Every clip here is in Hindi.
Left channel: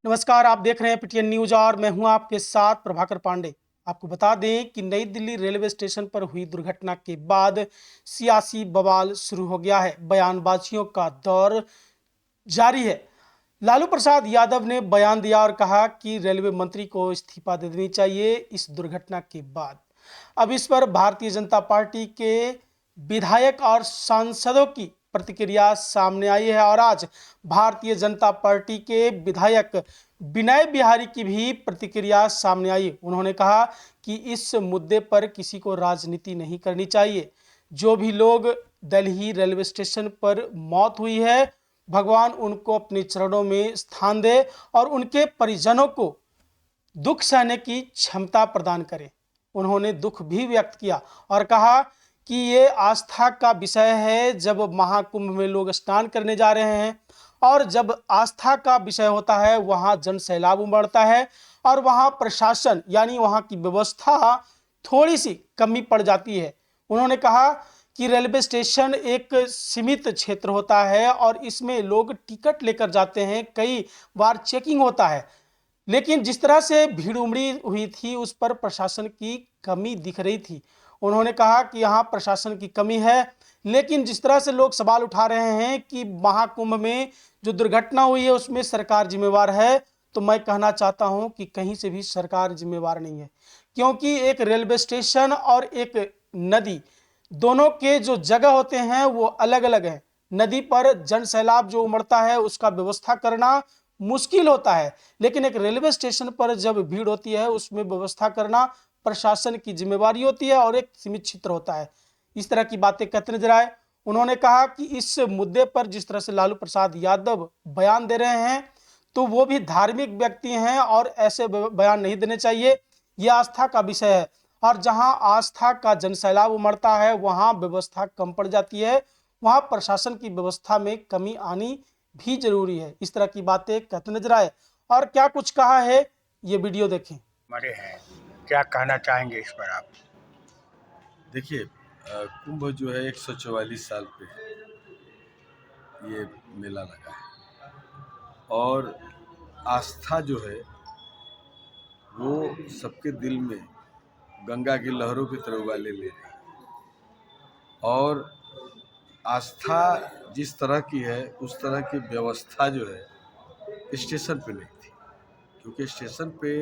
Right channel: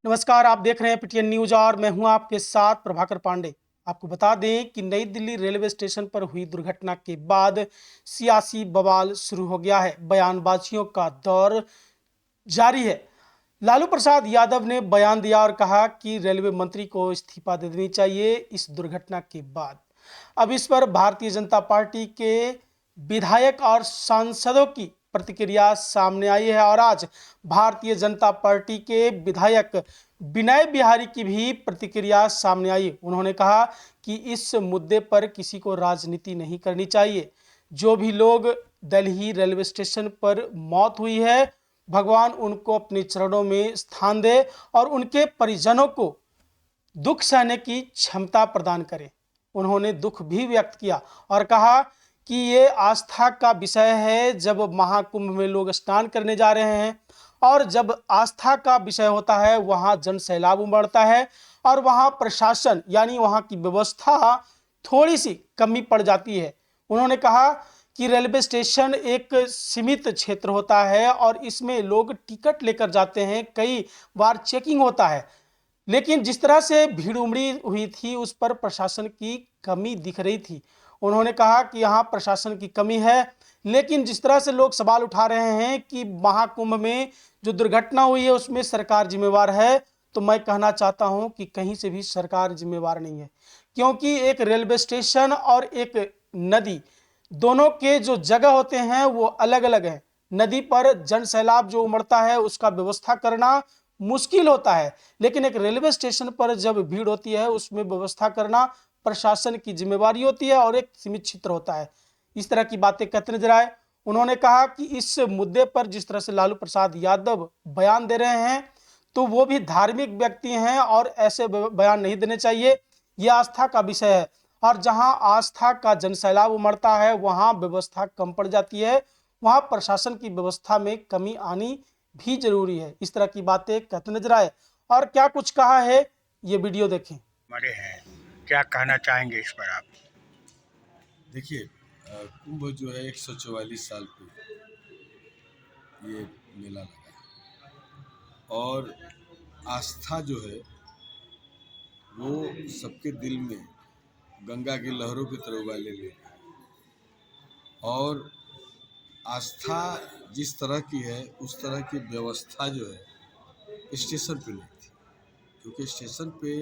नमस्कार, आप देख रहे हैं पीटीएन न्यूज और मैं हूं आपके साथ प्रभाकर पांडे। आपको बता दें कि नई दिल्ली रेलवे स्टेशन पर हुई दुर्घटना के बाद सियासी बवाल शुरू हो गया है। बयानबाजियों का दौर जारी है। लालू प्रसाद यादव ने बयान दिया और कहा कि रेलवे मंत्री को इस्तीफा दे देनी चाहिए इस दुर्घटना के बाद। अब इस पर भारतीय जनता पार्टी के विधायक और सांसदों की प्रतिक्रिया सामने आई है और आज भारतीय जनता पार्टी के विधायक विनय बिहारी की भी प्रतिक्रिया सामने आई। उन्होंने कहा कि इस मुद्दे पर किसी को राजनीति नहीं करनी चाहिए। जो भी लोग दिल्ली रेलवे स्टेशन पर मौत हुई है, भगवान उनको अपने चरणों में स्थान दे और उनके परिजनों को दुख सहने की क्षमता प्रदान करे। उन्होंने दुख भी व्यक्त किया और कहा कि ये आस्था का विषय है। जब महाकुंभ में लोग स्नान करने जा रहे हैं और जब आस्था का विषय होता है, वहाँ जन सैलाब उमड़ता है और वहाँ प्रशासन यानी वहाँ की व्यवस्था थोड़ी सी कमी पड़ जाती है। उन्होंने कहा कि रेलवे स्टेशन एक सीमित क्षेत्र होता है और इसमें लोग टिकट लेकर जाते हैं, कई बार चेकिंग होता है, लेकिन जिस तरह से भीड़ उमड़ी हुई थी उस पर प्रशासन की कमी दिख रही थी। उन्होंने कहा कि यहाँ प्रशासन की कमी है, लेकिन जिस तरह से लोग सवाल उठा रहे हैं कि महाकुंभ में जो दुर्घटना हुई है उसमें सरकार जिम्मेवार है, तो मैं कहना चाहता हूं कि कहीं से भी सरकार जिम्मेवार नहीं है, क्योंकि एक रेलवे स्टेशन और एक नदी, दोनों के जो जगह होते हैं वो अलग अलग हैं। नदी पर जन सैलाब जो उमड़ता है उसका व्यवस्था करना मुश्किल होता है, लेकिन एक रेलवे स्टेशन पर जब भीड़ होती है उसमें व्यवस्था करना प्रशासन की जिम्मेवारी होती है और एक सीमित क्षेत्र होता है। इस तरह की बातें कहते नजर आए। उन्होंने कहा कि इस मुद्दे पर जिस तरह से लालू प्रसाद यादव बयान दे रहे हैं तो वो भी धार्मिक व्यक्ति हैं और ऐसे बयान नहीं देने चाहिए। यह आस्था का विषय है और जहां आस्था का जनसैलाब उमड़ता है वहां व्यवस्था कम पड़ जाती है, वहां प्रशासन की व्यवस्था में कमी आनी भी जरूरी है। इस तरह की बातें कहते नजर आए और क्या कुछ कहा है ये वीडियो देखें। मरे हैं, क्या कहना चाहेंगे इस पर आप? देखिए, कुंभ जो है 144 साल पे ये मेला लगा है और आस्था जो है वो सबके दिल में गंगा की लहरों की तरह उबाले ले रही है। और आस्था जिस तरह की है उस तरह की व्यवस्था जो है स्टेशन पे नहीं थी, क्योंकि स्टेशन पे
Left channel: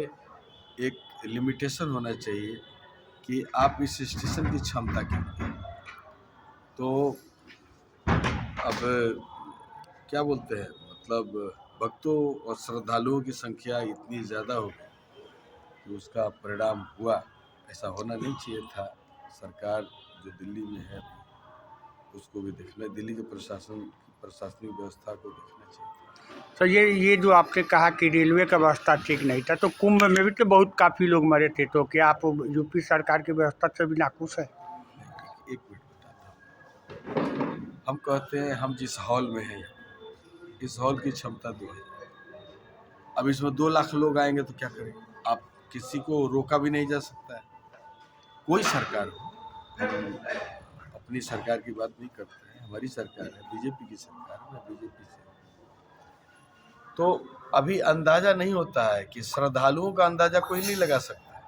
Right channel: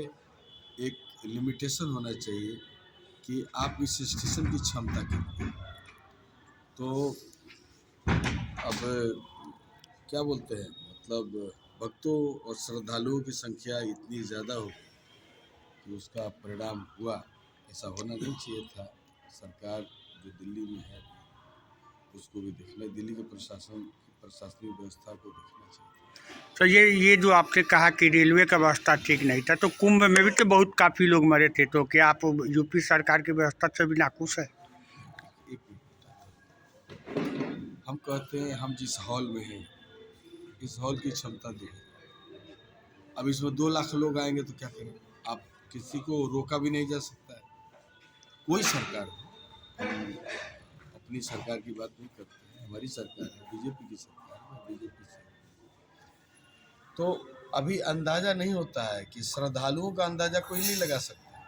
एक लिमिटेशन होना चाहिए कि आप इस स्टेशन की क्षमता कितनी है। तो अब क्या बोलते हैं, मतलब भक्तों और श्रद्धालुओं की संख्या इतनी ज़्यादा हो गई कि उसका परिणाम हुआ। ऐसा होना नहीं चाहिए था। सरकार जो दिल्ली में है उसको भी देखना, दिल्ली के प्रशासनिक व्यवस्था को देखना चाहिए। तो ये जो आपने कहा कि रेलवे का व्यवस्था ठीक नहीं था, तो कुंभ में भी तो बहुत काफ़ी लोग मरे थे, तो क्या आप यूपी सरकार की व्यवस्था से भी नाखुश है? एक मिनट बताता हूँ। हम कहते हैं हम जिस हॉल में हैं, इस हॉल की क्षमता 2000। अब इसमें 2 लाख लोग आएंगे तो क्या करें? आप किसी को रोका भी नहीं जा सकता है। कोई सरकार हो, हम अपनी सरकार की बात नहीं करते हैं, हमारी सरकार है, बीजेपी की सरकार है, मैं बीजेपी से। तो अभी अंदाजा नहीं होता है कि श्रद्धालुओं का अंदाजा कोई नहीं लगा सकता।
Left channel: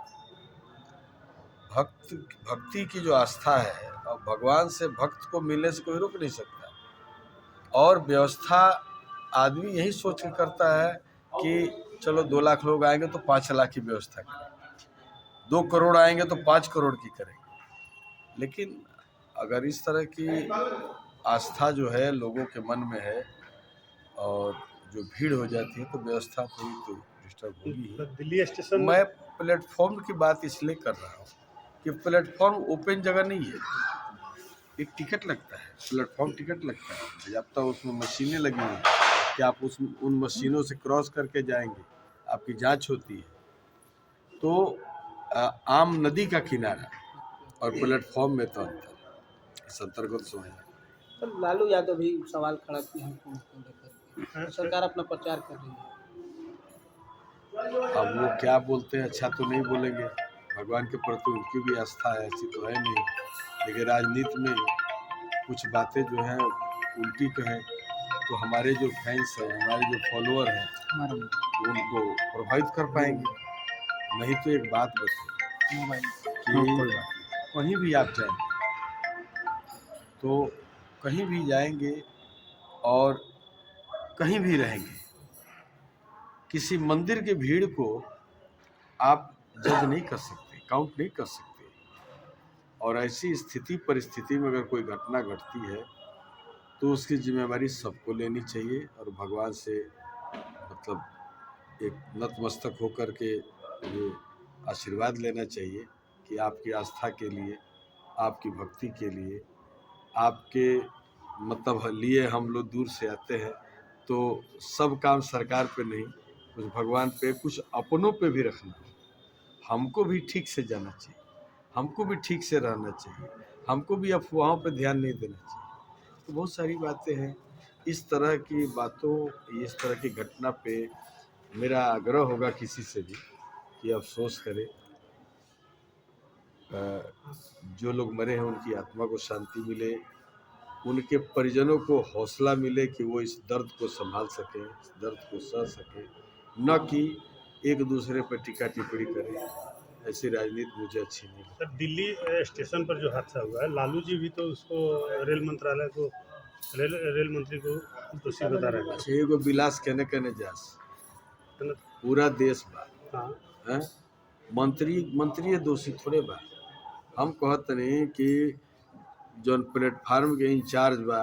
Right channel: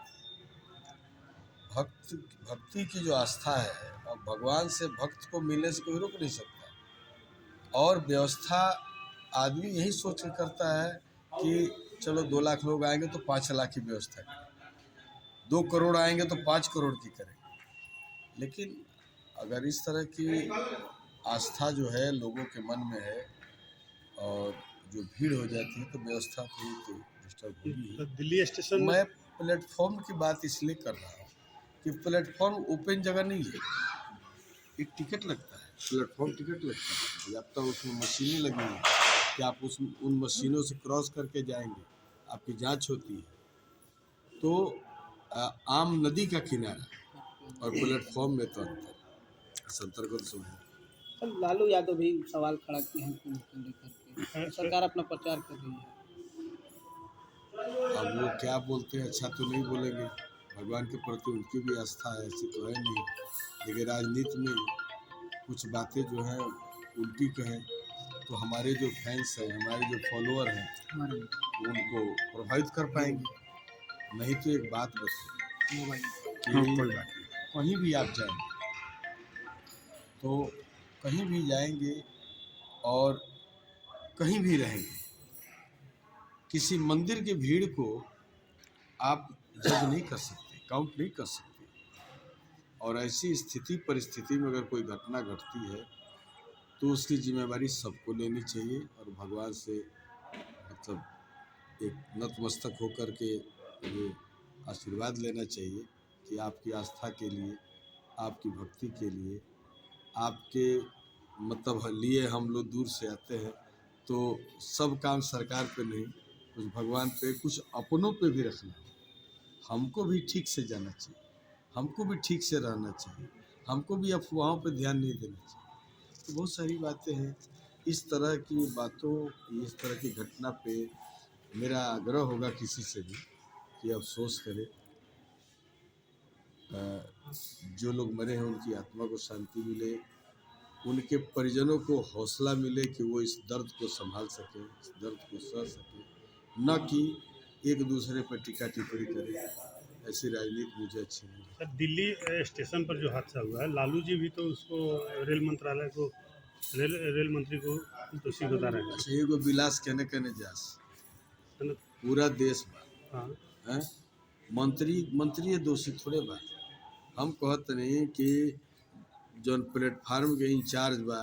भक्ति की जो आस्था है और भगवान से भक्त को मिलने से कोई रोक नहीं सकता। और व्यवस्था आदमी यही सोच के करता है कि चलो 2 लाख लोग आएंगे तो 5 लाख की व्यवस्था करें, 2 करोड़ आएंगे तो 5 करोड़ की करेंगे। लेकिन अगर इस तरह की आस्था जो है लोगों के मन में है और जो भीड़ हो जाती है तो व्यवस्था थोड़ी तो डिस्टर्ब होगी ही। दिल्ली स्टेशन मैं प्लेटफॉर्म की बात इसलिए कर रहा हूँ कि प्लेटफॉर्म ओपन जगह नहीं है, एक टिकट लगता है, प्लेटफॉर्म टिकट लगता है, जब तक उसमें मशीनें लगी हुई हैं कि आप उन मशीनों से क्रॉस करके जाएंगे, आपकी जांच होती है। तो आम नदी का किनारा और प्लेटफॉर्म में तो अंतर को तो समझना। सर, लालू यादव भी सवाल खड़ा किए हैं कुंभ को लेकर के, सरकार अपना प्रचार कर रही है। अब वो क्या बोलते हैं, अच्छा तो नहीं बोलेंगे, भगवान के प्रति उनकी भी आस्था है, ऐसी तो है नहीं। लेकिन राजनीति में कुछ बातें जो हैं उल्टी कहें तो हमारे जो फैंस हैं, हमारे जो फॉलोअर हैं, हमारा वो उनको प्रभावित कर पाएंगे। नहीं तो एक बात बताइए मोबाइल कि हाँ, कोई बात कहीं भी आप जाएंगे तो कहीं भी जाएंगे और कहीं भी रहेंगे, किसी मंदिर की भीड़ को आप जज नहीं कर सकते, काउंट नहीं कर सकते। और ऐसी स्थिति परिस्थिति में अगर कोई घटना घटती है तो उसकी जिम्मेवारी सबको लेनी चाहिए और भगवान से मतलब एक नतमस्तक होकर के ये आशीर्वाद लेना चाहिए कि आपकी आस्था के लिए, आपकी भक्ति के लिए, आपके मतलब लिए हम लोग दूर से आते हैं, तो सब काम सरकार पे नहीं, कुछ भगवान पे, कुछ अपनों पे भी रखना। हमको भी ठीक से जाना चाहिए, हमको भी ठीक से रहना चाहिए, हमको भी अफवाहों पे ध्यान नहीं देना चाहिए। तो बहुत सारी बातें हैं। इस तरह की बातों, इस तरह की घटना पे मेरा आग्रह होगा किसी से भी कि अफसोस करे। जो लोग मरे हैं उनकी आत्मा को शांति मिले, उनके परिजनों को हौसला मिले कि वो इस दर्द को संभाल सकें, इस दर्द को सह सकें, न कि एक दूसरे पर टीका टिप्पणी करें। ऐसी राजनीति मुझे अच्छी नहीं लगती। सर, दिल्ली स्टेशन पर जो हादसा हुआ है, लालू जी भी तो उसको रेल मंत्रालय को रेल मंत्री को दोषी बता रहे हैं। अच्छा, एगो विलास कहने जास है ना? पूरा देश बा हाँ, हैं, मंत्री दोषी थोड़े बा। हम कहत नहीं कि जौन प्लेटफार्म के इंचार्ज बा,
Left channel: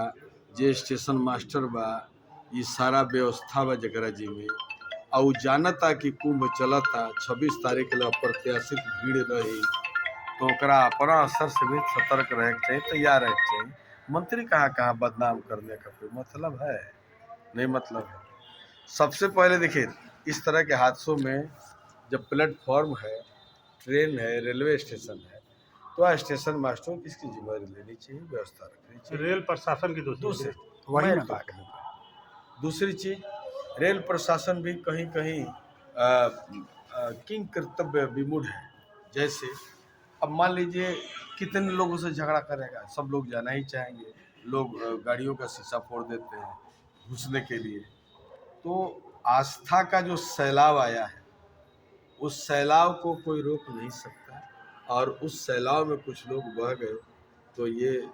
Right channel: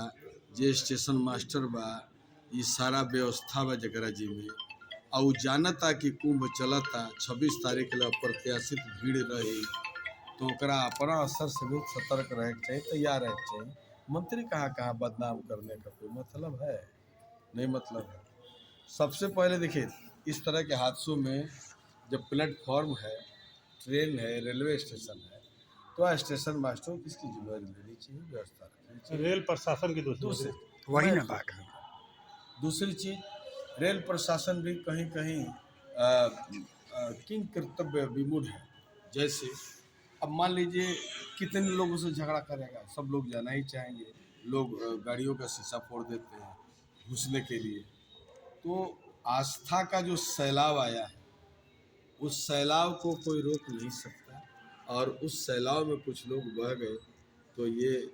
जे स्टेशन मास्टर बा, ये सारा व्यवस्था बा जकरा जी में, और जानता कि कुंभ चलता 26 तारीख के लिए अप्रत्याशित भीड़ रही, तो ओकरा अपना असर से भी सतर्क रहे के चाहिए, तैयार रहे के चाहिए। मंत्री कहाँ बदनाम करने का कोई मतलब है? नहीं मतलब है। सबसे पहले देखिए, इस तरह के हादसों में जब प्लेटफॉर्म है, ट्रेन है, रेलवे स्टेशन है, तो स्टेशन मास्टरों की इसकी जिम्मेदारी लेनी चाहिए, व्यवस्था रखनी चाहिए। रेल प्रशासन की दूसरी वही मैं ना तो बात कहूँगा। दूसरी चीज, रेल प्रशासन भी कहीं कहीं किंग कर्तव्य विमूढ़ है। जैसे अब मान लीजिए कितने लोगों से झगड़ा करेगा, सब लोग जाना ही चाहेंगे, लोग गाड़ियों का शीशा फोड़ देते हैं घुसने के लिए। तो आस्था का जो सैलाब आया है, उस सैलाब को कोई रोक नहीं सकता, और उस सैलाब में कुछ लोग बह गए, तो ये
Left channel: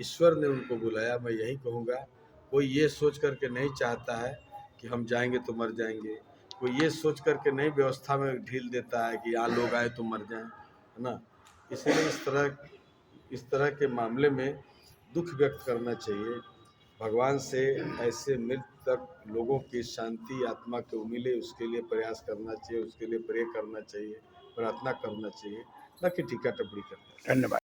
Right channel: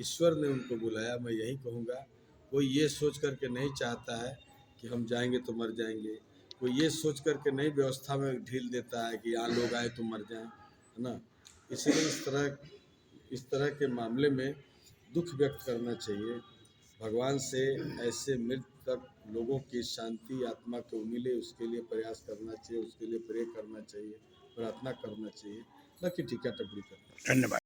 ईश्वर ने उनको बुलाया। मैं यही कहूँगा, कोई ये सोच करके नहीं चाहता है कि हम जाएंगे तो मर जाएंगे, कोई ये सोच करके नहीं व्यवस्था में ढील देता है कि यहाँ लोग आए तो मर जाएं, है ना। इसलिए इस तरह के मामले में दुख व्यक्त करना चाहिए। भगवान से ऐसे मृतक लोगों की शांति आत्मा को मिले, उसके लिए प्रयास करना चाहिए, उसके लिए प्रे करना चाहिए, प्रार्थना करना चाहिए, न कि टीका टिप्पणी करना चाहिए। धन्यवाद।